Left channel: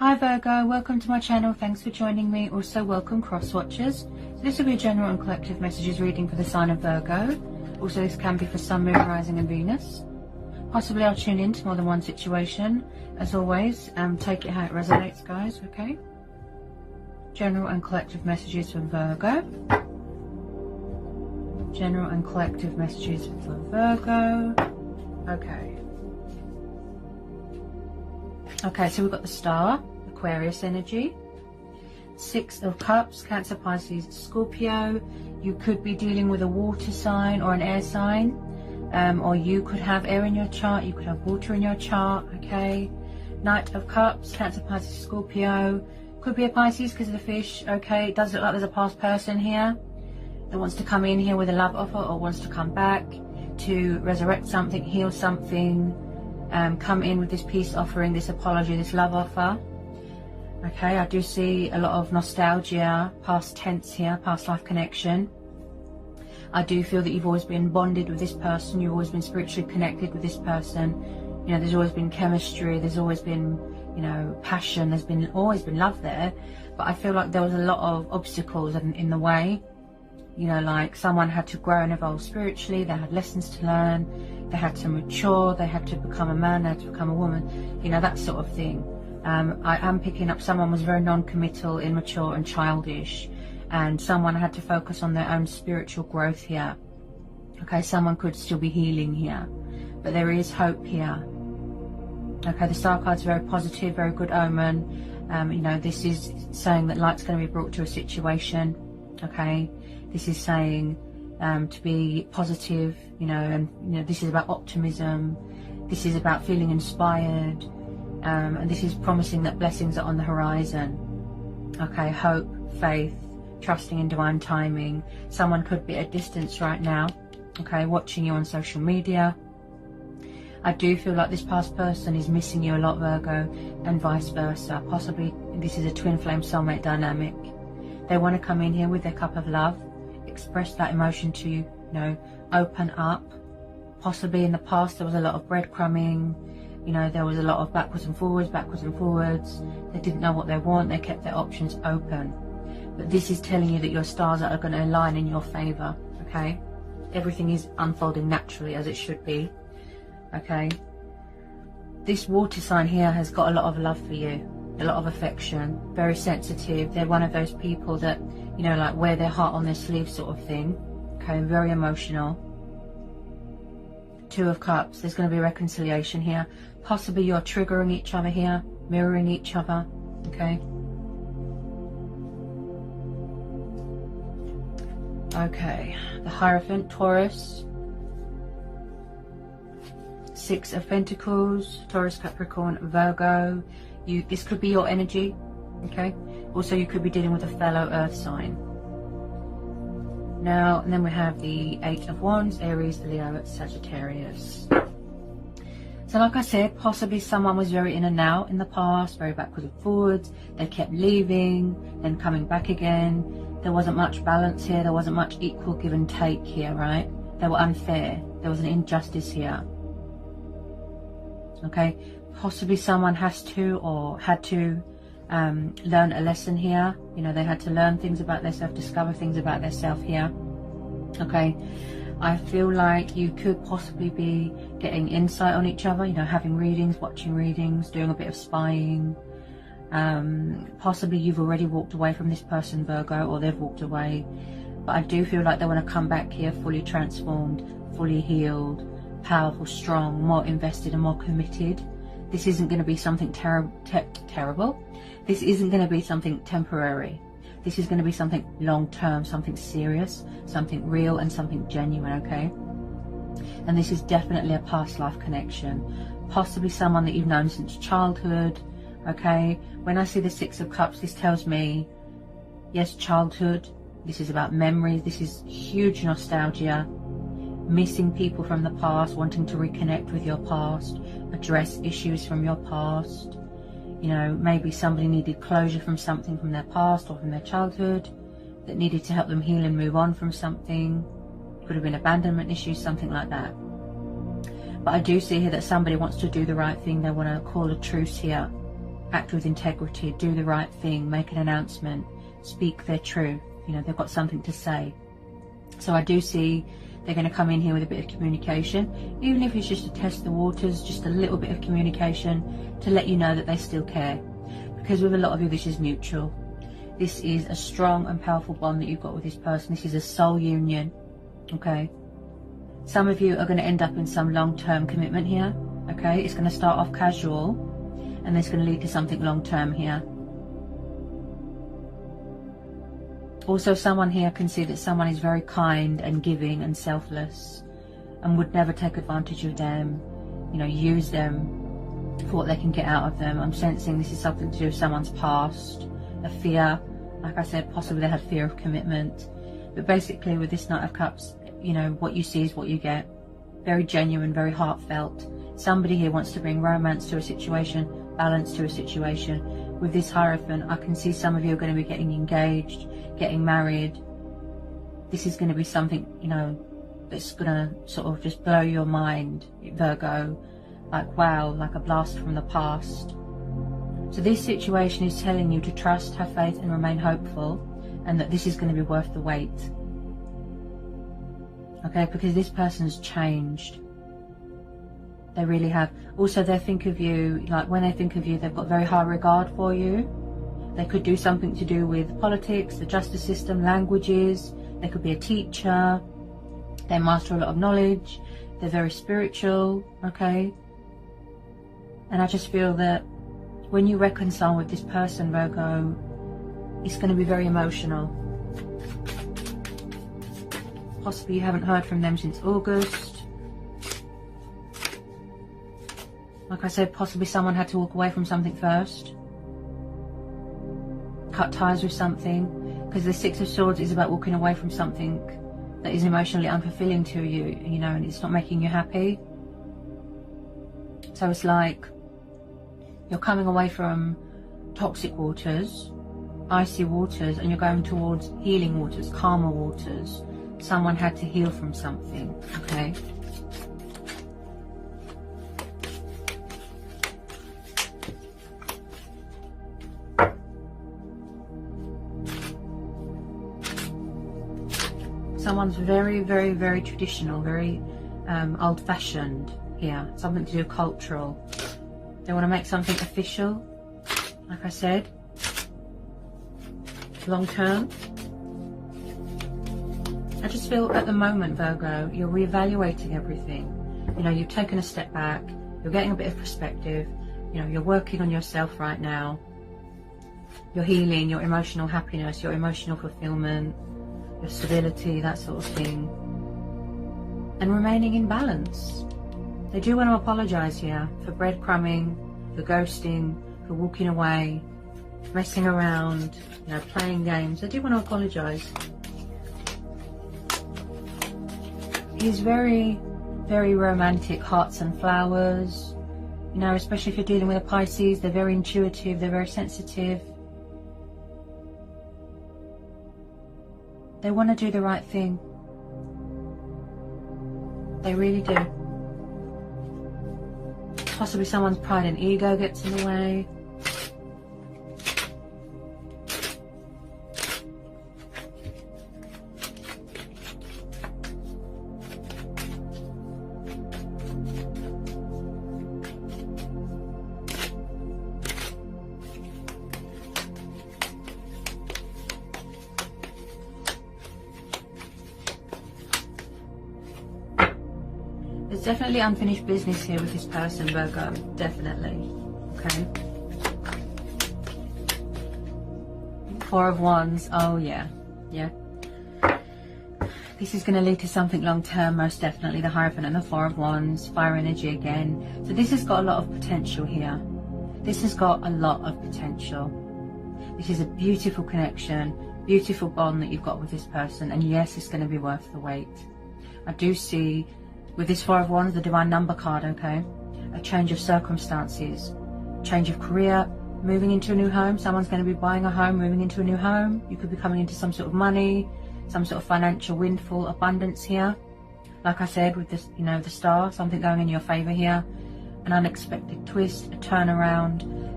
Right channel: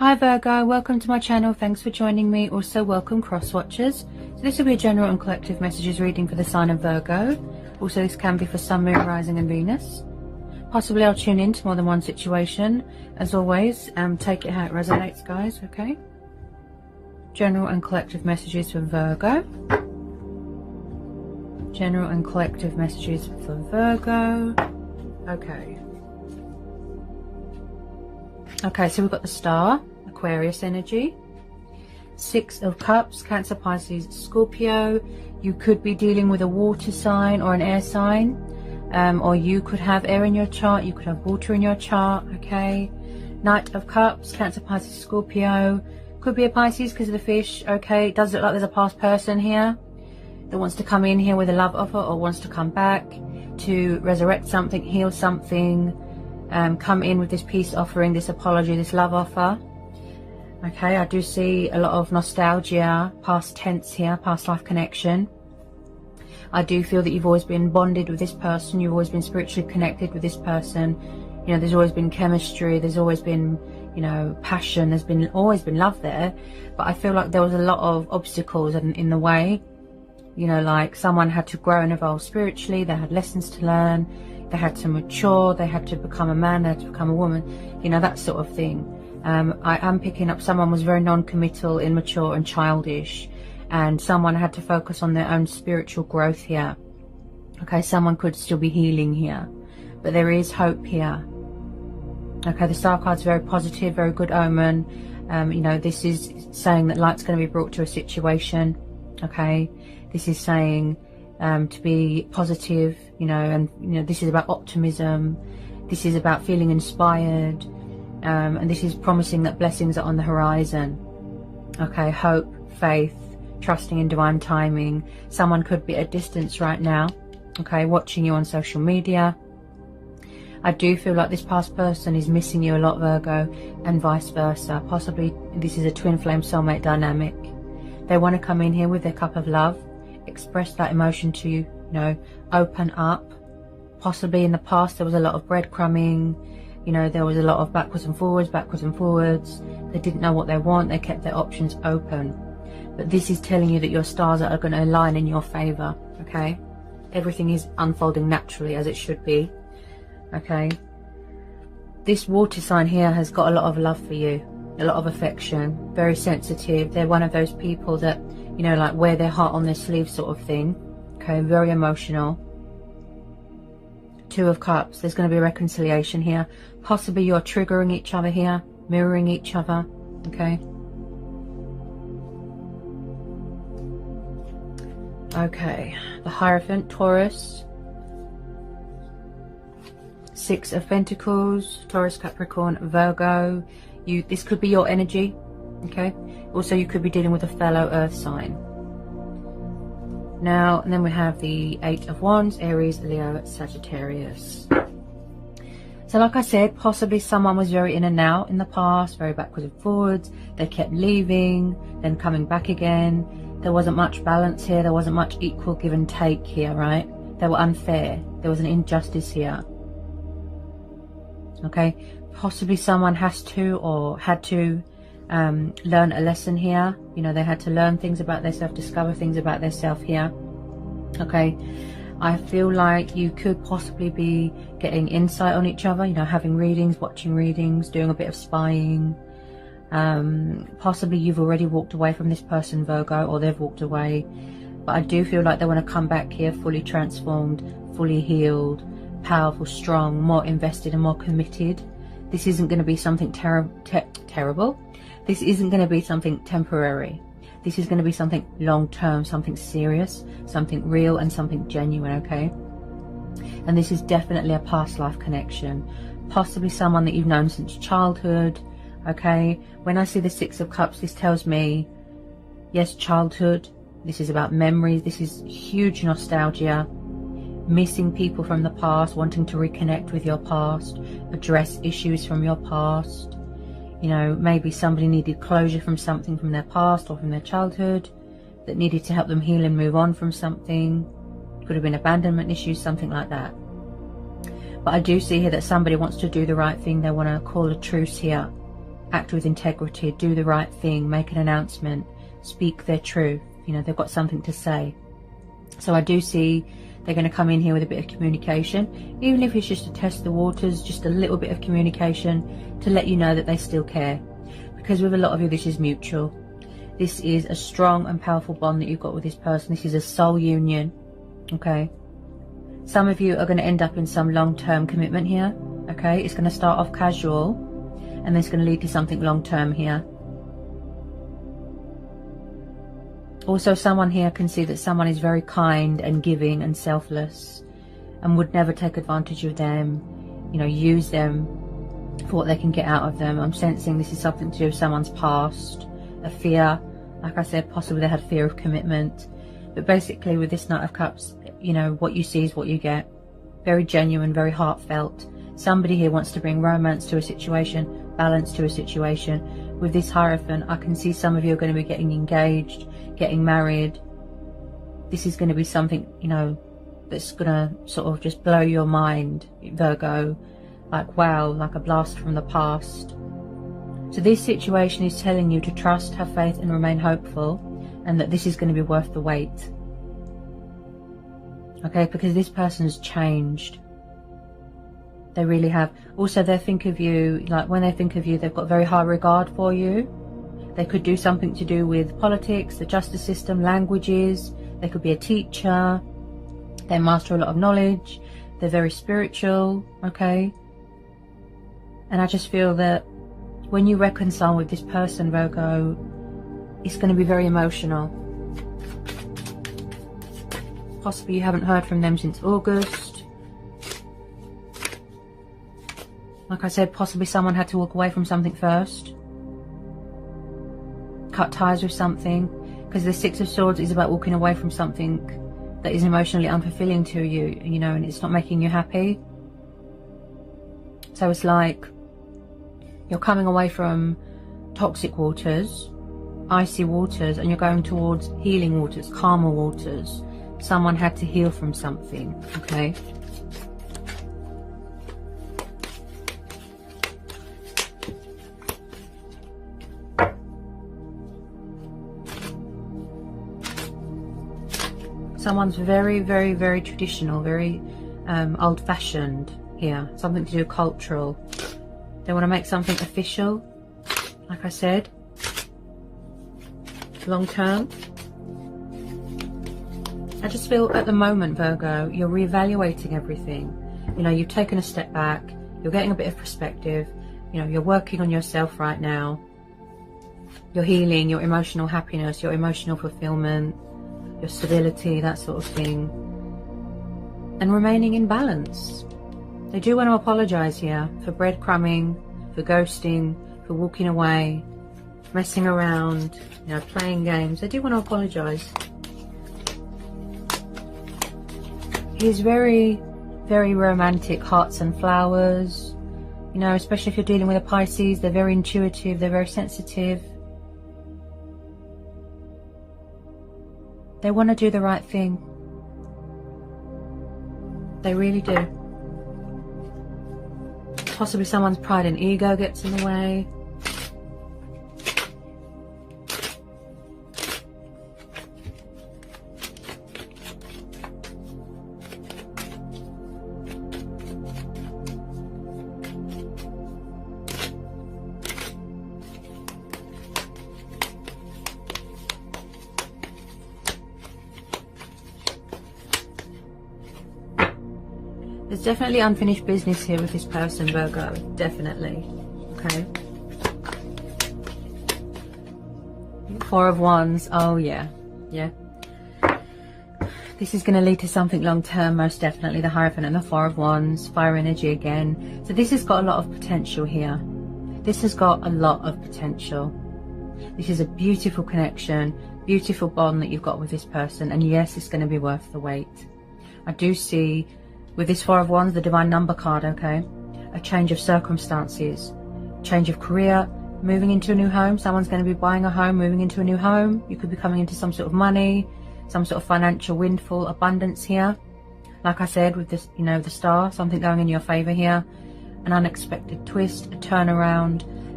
Hi Virgo, welcome to my channel. Thanks for joining me. Also welcome cross watchers. So this will be a general and collective messages reading for the sign of Virgo. Also this can be for Sun, Moon, Rising and Venus. Possibly I'll tune in to more than one situation. As always, take it how it resonates, guys, okay? General and collective messages for Virgo. General and collective messages for Virgo. Okay, so we've got the Star, Aquarius energy. 6 of Cups, Cancer, Pisces, Scorpio. You could be dealing with a water sign or an air sign. Or you could have air in your chart. You could have water in your chart, okay? Knight of Cups, Cancer, Pisces, Scorpio. Could be a Pisces because of the fish, okay? It does look like there's a past person here that wants to come in here with a love offer or wants to come back to resurrect something, heal something. Come in with this peace offering, this apology, this love offer. Okay, I do see a lot of nostalgia, past tense here, past life connection. I do feel that you've always been bonded with this person, you've always been spiritually connected with this person. You know, there's always been chemistry, there's always been, you know, passion, there's been always been love there. But I feel like there was a lot of obstacles in the way. You know, like someone had to grow and evolve spiritually, they had lessons to learn, they had to mature, they had to become a man, they had to become a woman, you know, that sort of thing. I am picking up someone was very non-committal, immature and childish, and someone had to focus on their own spiritual growth here. Okay, someone could still be healing here, but there is hope here. Okay, the Star card's very positive, very good omen. You know, this is saying that light's going to be brought to a situation. Okay, this is saying to be positive, you know, and you know, this is about optimism, this is about feeling inspired, and this is promising that blessings are on the horizon. Okay, hope, faith, trusting in divine timing. Someone could be at a distance right now, okay, watching you on social media. I do feel like this past person is missing you a lot, Virgo, and vice versa. Possibly this is a twin flame soulmate dynamic. They want to come in here with their cup of love, express that emotion to you, you know, open up. Possibly in the past there was a lot of breadcrumbing, you know, there was a lot of backwards and forwards. They didn't know what they want, they kept their options open. But this is telling you that your stars are going to align in your favor, okay? Everything is unfolding naturally as it should be, okay? This water sign here has got a lot of love for you, a lot of affection, very sensitive. They're one of those people that, you know, like wear their heart on their sleeve sort of thing, okay? Very emotional. 2 of Cups, there's going to be reconciliation here. Possibly you're triggering each other here, mirroring each other, okay? Okay, the Hierophant, Taurus. 6 of Pentacles, Taurus, Capricorn, Virgo. This could be your energy, okay? Also, you could be dealing with a fellow earth sign. Now, and then we have the 8 of Wands, Aries, Leo, Sagittarius. So like I said, possibly someone was very in and out in the past, very backwards and forwards. They kept leaving, then coming back again. There wasn't much balance here. There wasn't much equal give and take here, right? They were unfair. There was an injustice here. Okay, possibly someone has to or had to learn a lesson here. You know, they had to learn things about themselves, discover things about themselves here. Okay, I feel like you could possibly be getting insight on each other, you know, having readings, watching readings, doing a bit of spying. Possibly you've already walked away from this person, Virgo, or they've walked away. But I do feel like they want to come back here fully transformed, fully healed, powerful, strong, more invested and more committed. This isn't going to be something terrible. This isn't going to be something temporary. This is going to be something long-term, something serious, something real and something genuine, okay? And this is definitely a past life connection. Possibly someone that you've known since childhood, okay? When I see the 6 of Cups, this tells me, yes, childhood. This is about memories. This is huge nostalgia. Missing people from the past, wanting to reconnect with your past, address issues from your past. You know, maybe somebody needed closure from something from their past or from their childhood that needed to help them heal and move on from something. Could have been abandonment issues, something like that. But I do see here that somebody wants to do the right thing. They want to call a truce here. act with integrity, do the right thing, make an announcement, speak their truth. You know, they've got something to say. So I do see they're going to come in here with a bit of communication, even if it's just to test the waters, just a little bit of communication to let you know that they still care. Because with a lot of you, this is mutual. This is a strong and powerful bond that you've got with this person. This is a soul union, okay? Some of you are going to end up in some long-term commitment here, okay? It's going to start off casual, and it's going to lead to something long-term here. Also, someone here can see that someone is very kind and giving and selfless and would never take advantage of them, you know, use them for what they can get out of them. I'm sensing this is something to do with someone's past, a fear. Like I said, possibly they had fear of commitment. But basically with this Knight of Cups, you know, what you see is what you get. Very genuine, very heartfelt. Somebody here wants to bring romance to a situation, balance to a situation. With this Hierophant, I can see some of you are going to be getting engaged, getting married. This is going to be something, you know, that's going to sort of just blow your mind, Virgo. Like, wow, like a blast from the past. So this situation is telling you to trust, have faith and remain hopeful, and that this is going to be worth the wait. Okay, because this person has changed. They really have. Also, they think of you, like when they think of you, they've got very high regard for you. They could do something to do with politics, the justice system, languages. They could be a teacher. They master a lot of knowledge. They're very spiritual, okay? And I just feel that when you reconcile with this person, Virgo, it's going to be very emotional. Possibly you haven't heard from them since August. Like I said, possibly someone had to walk away from something first. Cut ties with something. Because the Six of Swords is about walking away from something that is emotionally unfulfilling to you, you know, and it's not making you happy. So it's like you're coming away from toxic waters, icy waters, and you're going towards healing waters, calmer waters. Someone had to heal from something, okay? Someone's very, very, very traditional, very old-fashioned here. Something to do cultural. They want to make something official, like I said, long term. I just feel at the moment, Virgo, you're reevaluating everything. You know, you've taken a step back, you're getting a bit of perspective, you know, you're working on yourself right now. You're healing your emotional happiness, your emotional fulfillment, your stability, that sort of thing. And remaining in balance. They do want to apologise here for breadcrumbing, for ghosting, for walking away, messing around, you know, playing games. They do want to apologise. He's very, very romantic, hearts and flowers. You know, especially if you're dealing with a Pisces, they're very intuitive, they're very sensitive. They want to do the right thing. They really do. Possibly someone's pride and ego gets in the way. There's definitely unfinished business here with this person, Virgo. Definitely. Okay. Four of Wands. Oh, yeah. Yeah. This is going to lead to something long term, most definitely. The Hierophant and the Four of Wands. Fire energy again. So this has got a lot of potential here. This has got a lot of potential. This is a beautiful connection, beautiful bond that you've got with this person. And yes, it's going to be worth the wait. I do see, with this Four of Wands, the Divine Number card, okay? A change of circumstances, change of career, moving into a new home. Someone's going to be buying a home, moving into a new home. You could be coming into some sort of money, some sort of financial windfall, abundance here. Like I said, with this, you know, the Star, something going in your favour here. An unexpected twist, a turnaround.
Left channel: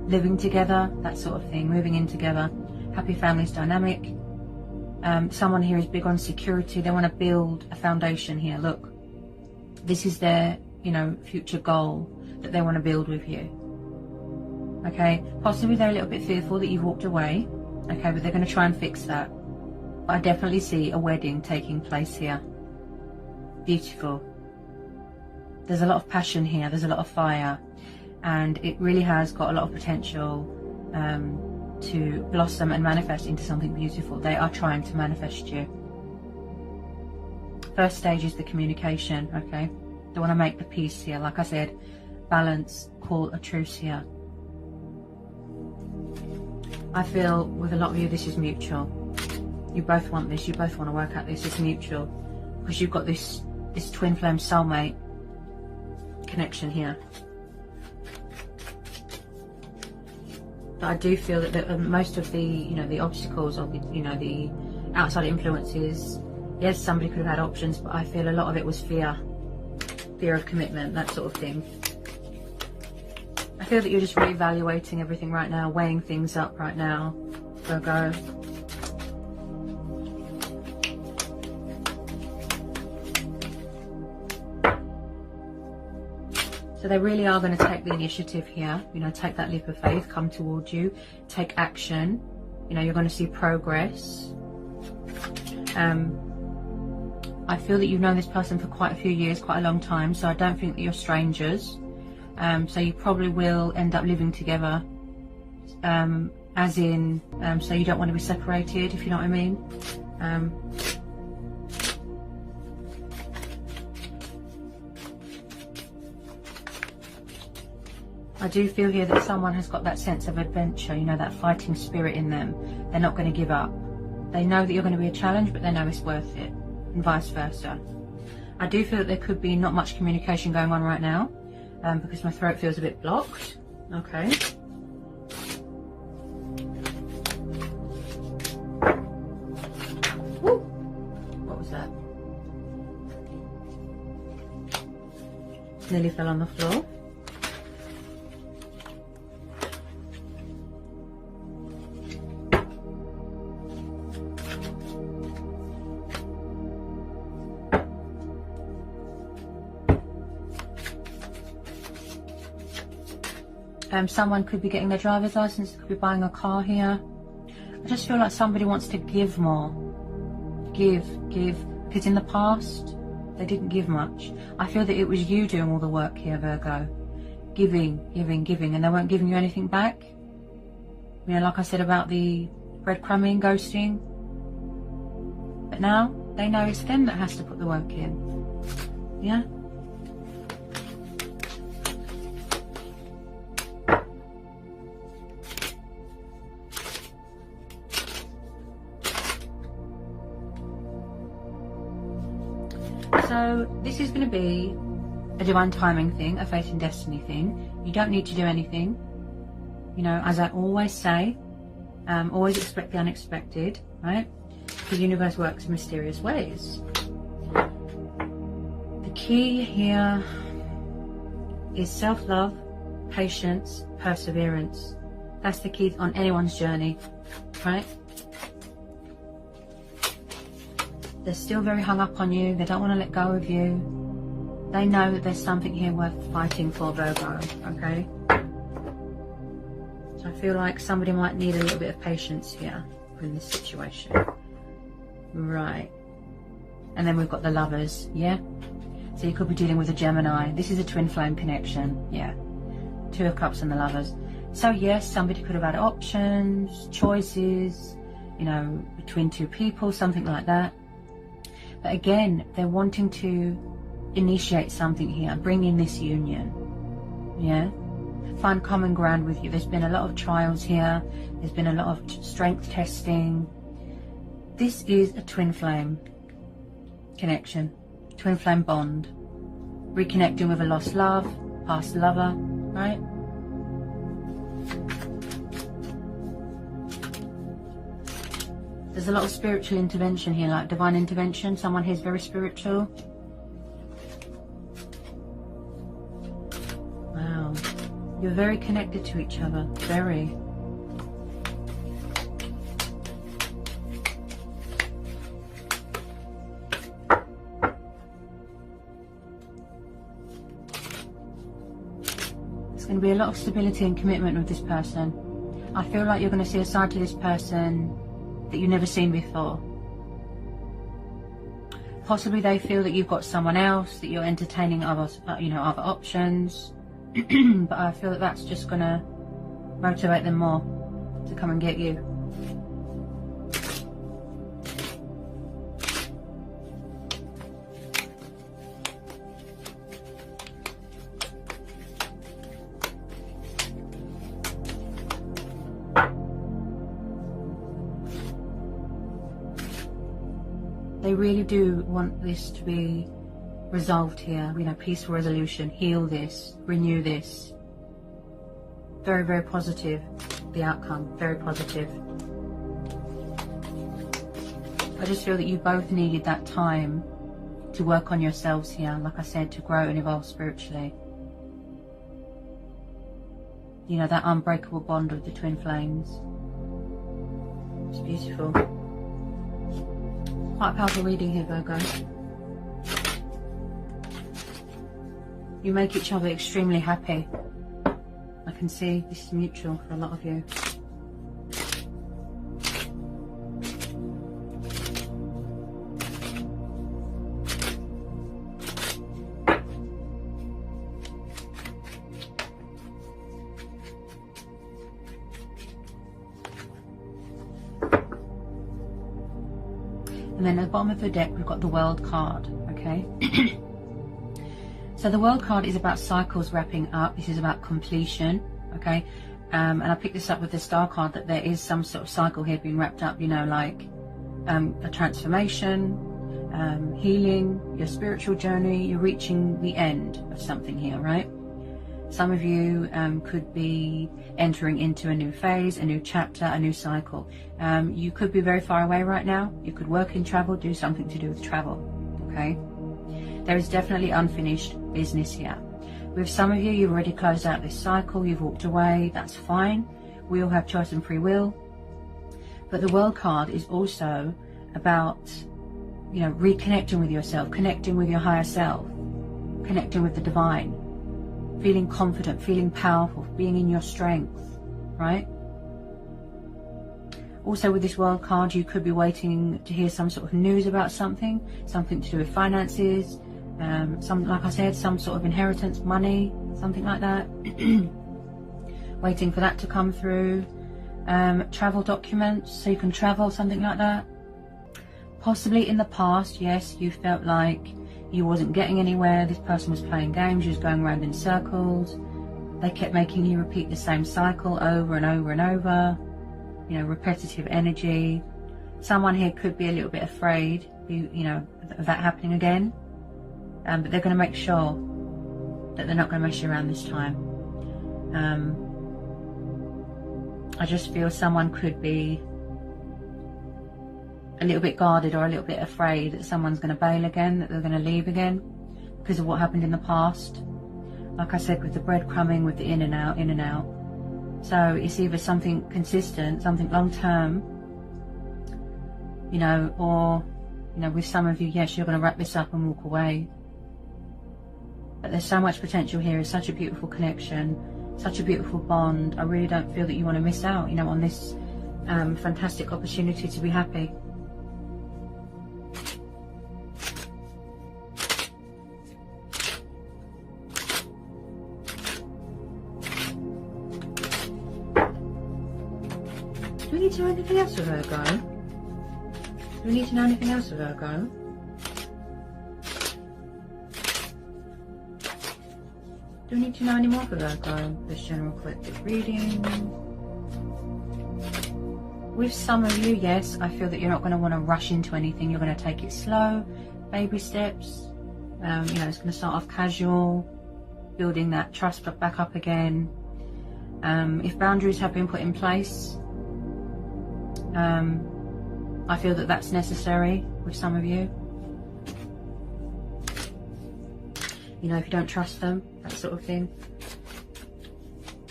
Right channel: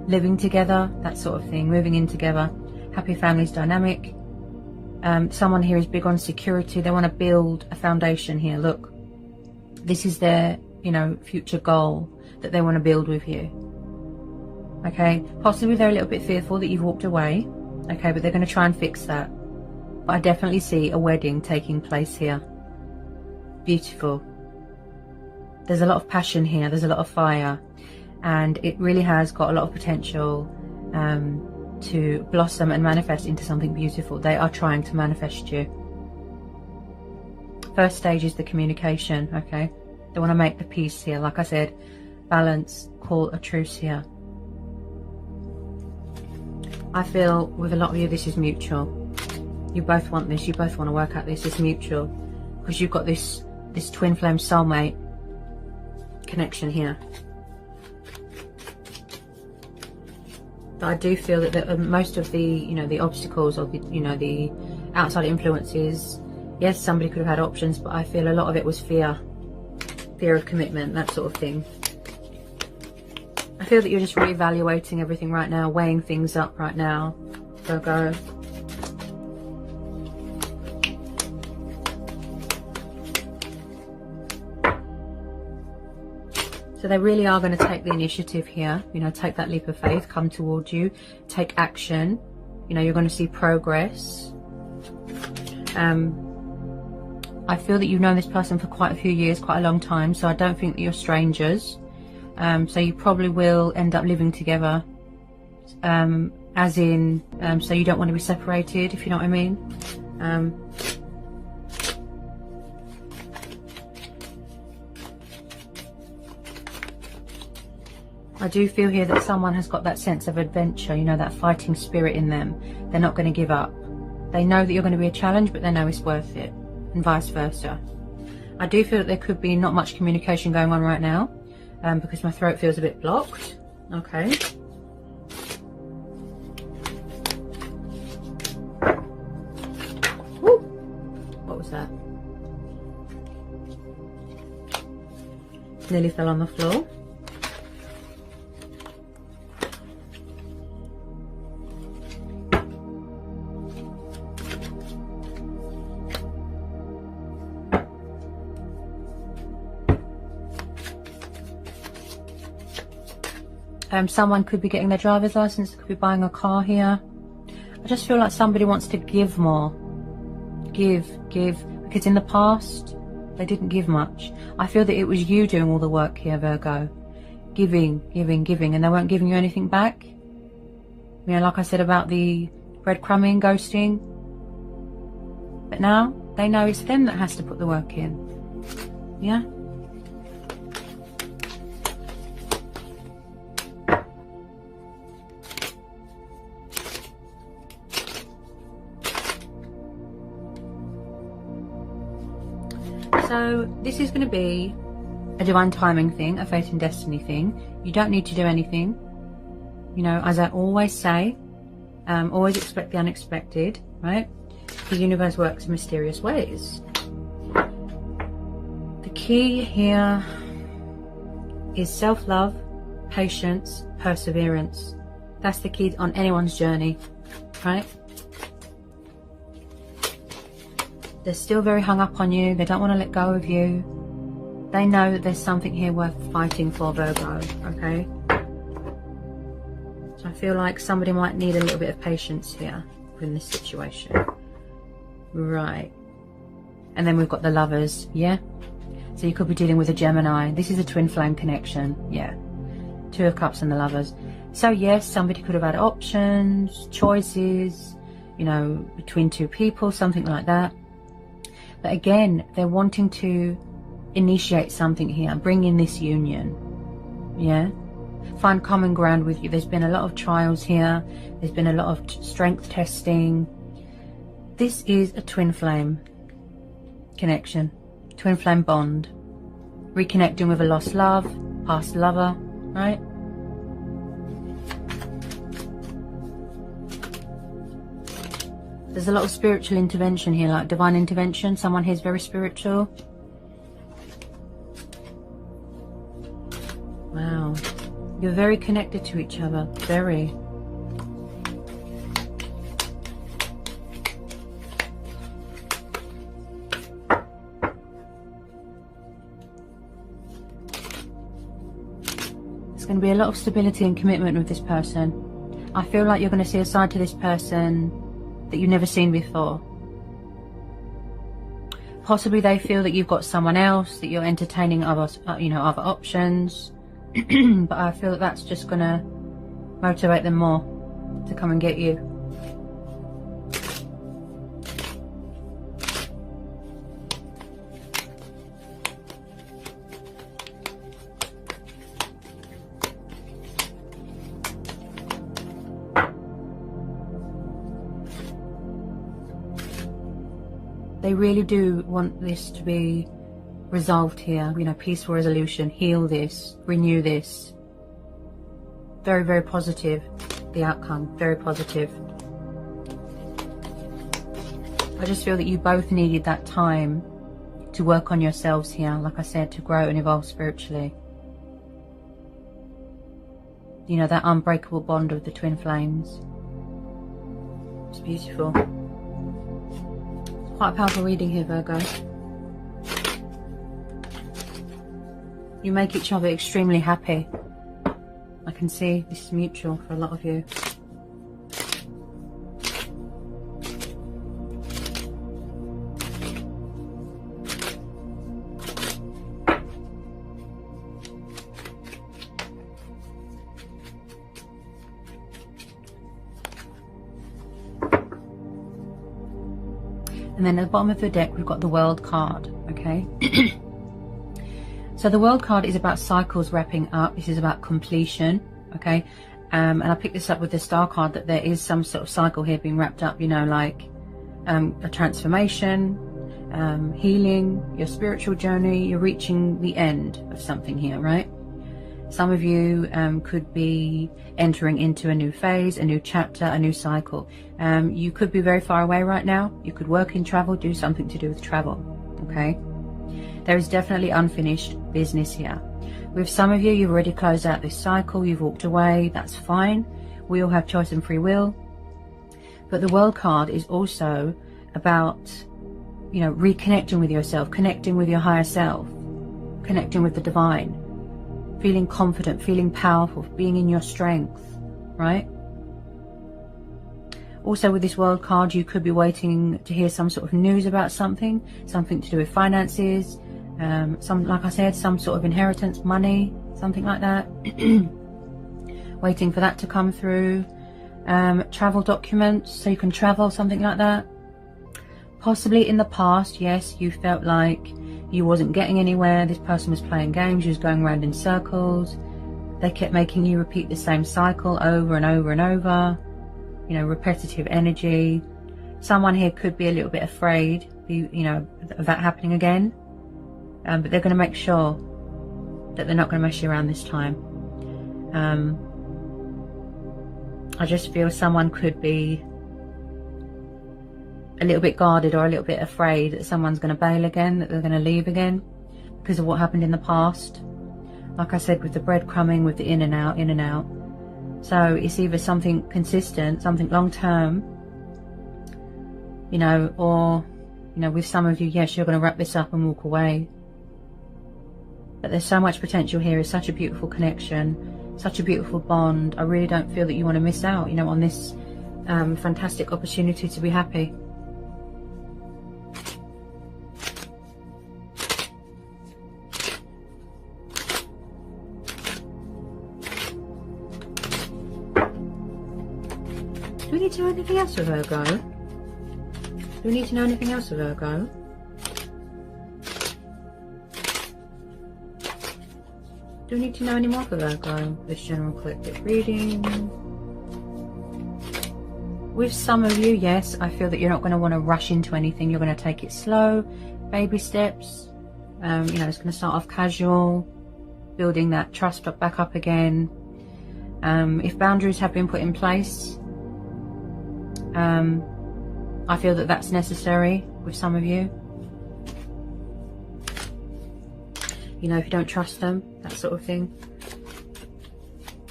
living together, that sort of thing, moving in together. Happy families dynamic. Someone here is big on security. They want to build a foundation here. Look, this is their, you know, future goal that they want to build with you. Okay, possibly they're a little bit fearful that you've walked away. Okay, but they're going to try and fix that. But I definitely see a wedding taking place here. Beautiful. There's a lot of passion here. There's a lot of fire. And it really has got a lot of potential to blossom and manifest into something beautiful. They are trying to manifest you. First stage is the communication, okay? They want to make the peace here. Like I said, balance, call a truce here. I feel with a lot of you this is mutual. You both want this. You both want to work out this. It's mutual. Because you've got this twin flame soulmate connection here. But I do feel that most of the, you know, the obstacles or the, you know, the outside influences, yes, somebody could have had options, but I feel a lot of it was fear of commitment, that sort of thing. I feel that you're just reevaluating everything right now, weighing things up right now, Virgo. So they really are going to take the initiative here, you know, take that leap of faith, come towards you, take action. You know, you're going to see progress. I feel that you've known this person for quite a few years, quite a long time, so I don't think that you're strangers. So you probably will end up living together, as in, so you don't want to be separated, if you know what I mean. I do feel here that someone has got that sense of adventure, you know, that fighting spirit in them. They're not going to give up. They know that you're going to be a challenge, but they know it's worth it, and vice versa. I do feel that there could be not much communication going on right now, because my throat feels a bit blocked. Okay. Woo. What was that? Nearly fell on the floor. Someone could be getting their driver's license, could be buying a car here. I just feel like somebody wants to give more. Give. Because in the past, they didn't give much. I feel that it was you doing all the work here, Virgo. Giving, and they weren't giving you anything back. You know, like I said about the breadcrumbing, ghosting. But now, they know it's them that has to put the work in. Yeah? So this is going to be a divine timing thing, a fate and destiny thing. You don't need to do anything. You know, as I always say, always expect the unexpected, right? The universe works in mysterious ways. The key here is self-love, patience, perseverance. That's the key on anyone's journey, right? They're still very hung up on you. They don't want to let go of you. They know that there's something here worth fighting for, Virgo, okay? So I feel like somebody might need a little bit of patience here in this situation. Right. And then we've got the lovers, yeah? So you could be dealing with a Gemini. This is a twin flame connection, yeah. Two of Cups and the lovers. So yes, somebody could have had options, choices, you know, between two people, something like that. But again, they're wanting to initiate something here, bring in this union, yeah? Find common ground with you. There's been a lot of trials here. There's been a lot of strength testing. This is a twin flame connection, twin flame bond. Reconnecting with a lost love, past lover, right? There's a lot of spiritual intervention here, like divine intervention. Someone here is very spiritual. Wow. You're very connected to each other, very. There's going to be a lot of stability and commitment with this person. I feel like you're going to see a side to this person that you've never seen before. Possibly they feel that you've got someone else, that you're entertaining other, other options. But I feel that that's just going to motivate them more to come and get you. They really do want this to be resolved here, peaceful resolution, heal this, renew this. Very, very positive, the outcome, very positive. I just feel that you both needed that time to work on yourselves here, like I said, to grow and evolve spiritually. That unbreakable bond of the twin flames. It's beautiful. Quite a powerful reading here, Virgo. You make each other extremely happy. I can see this is mutual for a lot of you. And then at the bottom of the deck, we've got the World card, okay? So the World card is about cycles wrapping up. This is about completion, okay? And I picked this up with the Star card, that there is some sort of cycle here being wrapped up, like a transformation, healing, your spiritual journey. You're reaching the end of something here, right? Some of you could be entering into a new phase, a new chapter, a new cycle. You could be very far away right now. You could work in travel, do something to do with travel, okay? There is definitely unfinished business here. With some of you, you've already closed out this cycle, you've walked away, that's fine. We all have choice and free will. But the World card is also about, reconnecting with yourself, connecting with your higher self, connecting with the divine, feeling confident, feeling powerful, being in your strength, right? Also with this World card, you could be waiting to hear some sort of news about something to do with finances, like I said, some sort of inheritance, money, something like that. Waiting for that to come through. Travel documents, so you can travel, something like that. Possibly in the past, yes, you felt like you wasn't getting anywhere. This person was playing games, you was going around in circles. They kept making you repeat the same cycle over and over and over. Repetitive energy. Someone here could be a little bit afraid, of that happening again. But they're going to make sure that they're not going to mess you around this time. I just feel someone could be a little bit guarded or a little bit afraid that someone's going to bail again, that they're going to leave again because of what happened in the past. Like I said, with the breadcrumbing, with the in and out, in and out. So it's either something consistent, something long term, or, with some of you, yes, you're going to wrap this up and walk away. But there's so much potential here. It's such a beautiful connection, such a beautiful bond. I really don't feel that you want to miss out, on this fantastic opportunity to be happy. Do we need to know anything else of Virgo? Do we need to know anything else of Virgo? Do we need to know any more for Virgo? This general collective reading. With some of you, yes, I feel that you're not going to want to rush into anything. You're going to take it slow, baby steps. It's going to start off casual, building that trust back up again. If boundaries have been put in place, I feel that that's necessary with some of you. If you don't trust them, that sort of thing.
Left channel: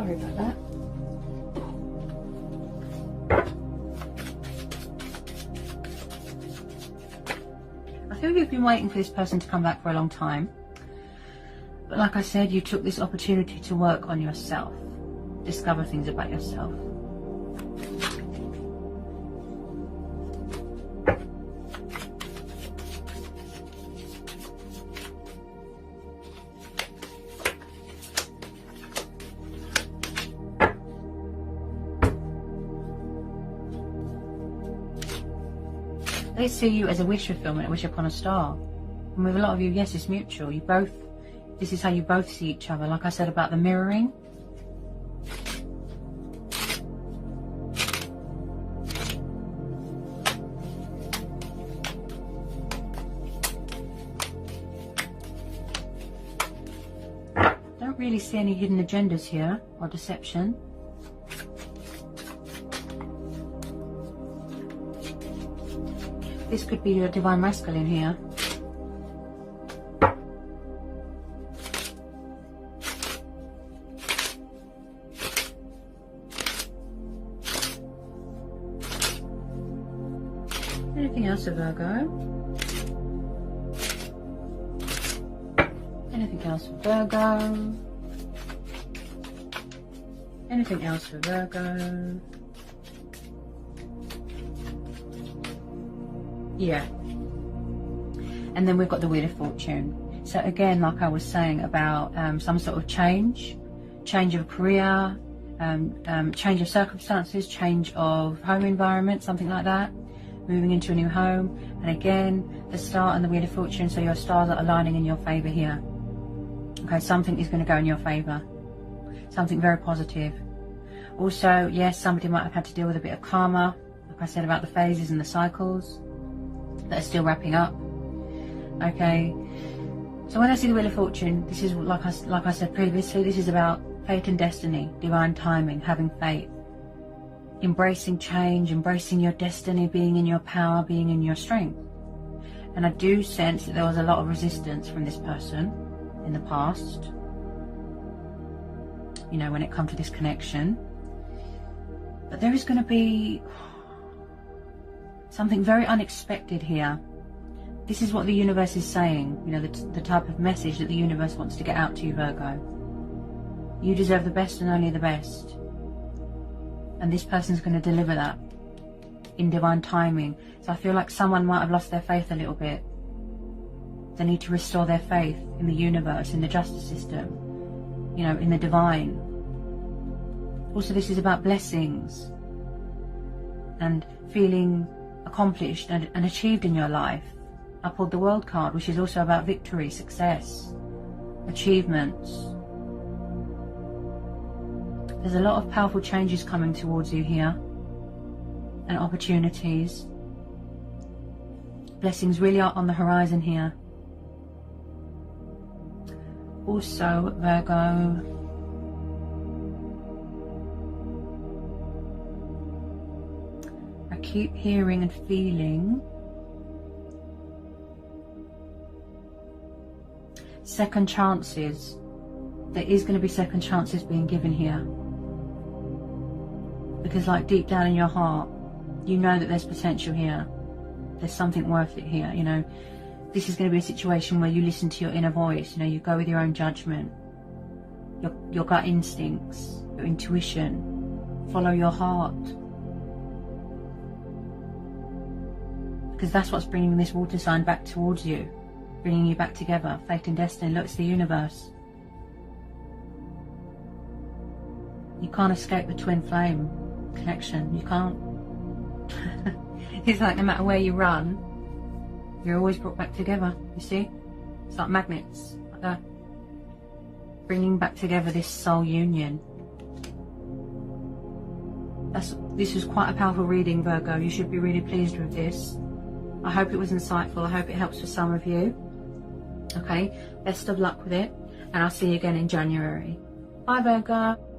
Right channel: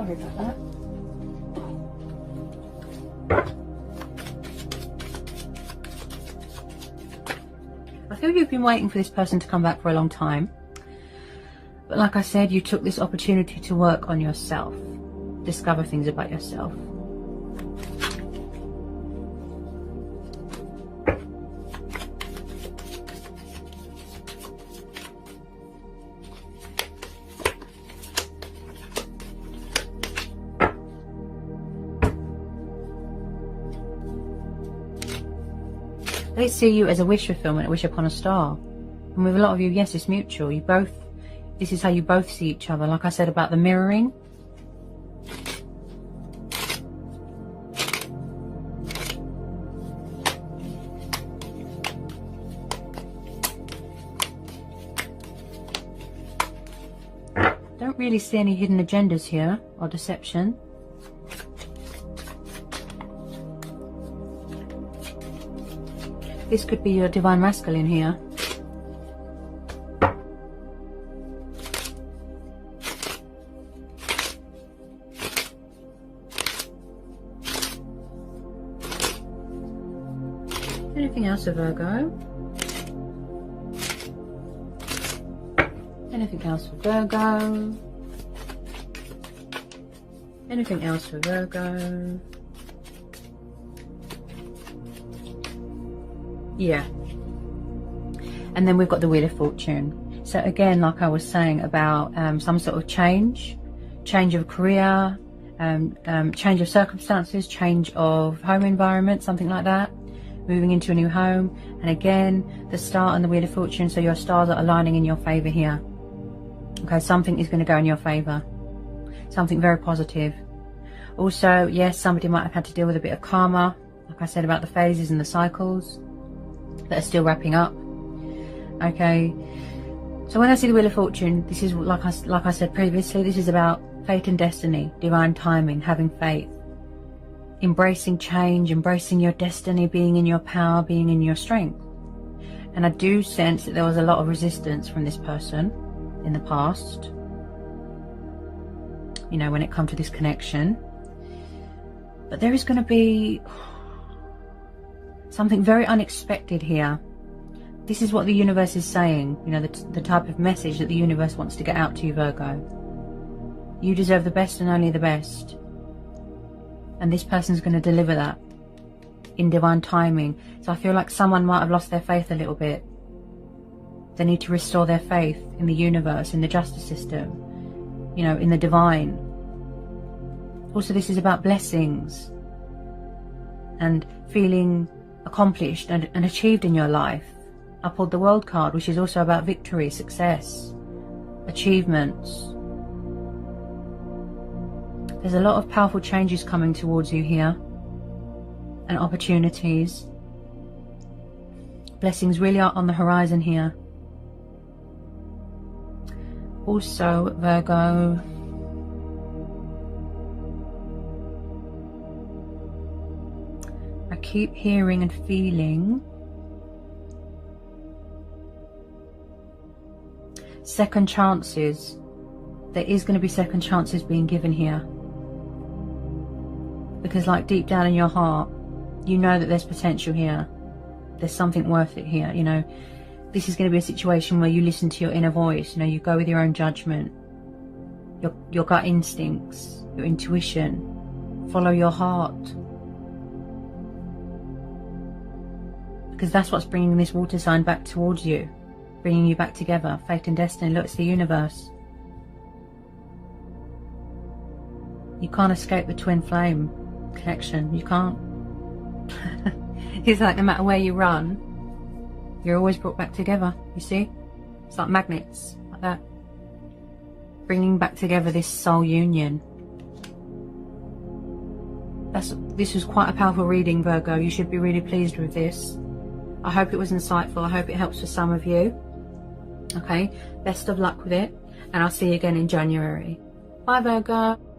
Sorry about that. I feel you've been waiting for this person to come back for a long time. But like I said, you took this opportunity to work on yourself. Discover things about yourself. They see you as a wish fulfillment, a wish upon a star. And with a lot of you, yes, it's mutual. You both, this is how you both see each other. Like I said about the mirroring. Don't really see any hidden agendas here or deception. This could be your divine masculine here. Anything else for Virgo? Anything else for Virgo? Anything else for Virgo? Yeah. And then we've got the Wheel of Fortune. So again, like I was saying about some sort of change of career, change of circumstances, change of home environment, something like that. Moving into a new home. And again, the star and the Wheel of Fortune, so your stars are aligning in your favour here. Okay, something is going to go in your favour. Something very positive. Also, yes, somebody might have had to deal with a bit of karma, like I said about the phases and the cycles that are still wrapping up. Okay, so when I see the Wheel of Fortune, this is like I said previously, this is about fate and destiny, divine timing, having faith, embracing change, embracing your destiny, being in your power, being in your strength. And I do sense that there was a lot of resistance from this person in the past, you know, when it comes to this connection. But there is going to be something very unexpected here. This is what the universe is saying, you know, the type of message that the universe wants to get out to you, Virgo. You deserve the best and only the best. And this person's going to deliver that in divine timing. So I feel like someone might have lost their faith a little bit. They need to restore their faith in the universe, in the justice system, you know, in the divine. Also, this is about blessings and feeling accomplished and achieved in your life. I pulled the World card, which is also about victory, success, achievements. There's a lot of powerful changes coming towards you here, and opportunities. Blessings really are on the horizon here. Also, Virgo, I keep hearing and feeling second chances. There is going to be second chances being given here. Because like deep down in your heart, you know that there's potential here. There's something worth it here, you know. This is going to be a situation where you listen to your inner voice, you know, you go with your own judgment, your gut instincts, your intuition, follow your heart. Because that's what's bringing this water sign back towards you, bringing you back together, fate and destiny. Look, it's the universe. You can't escape the twin flame connection. You can't. It's like no matter where you run, you're always brought back together, you see? It's like magnets, like that. Bringing back together this soul union. This was quite a powerful reading, Virgo. You should be really pleased with this. I hope it was insightful. I hope it helps for some of you. Okay, best of luck with it. And I'll see you again in January. Bye, Virgo.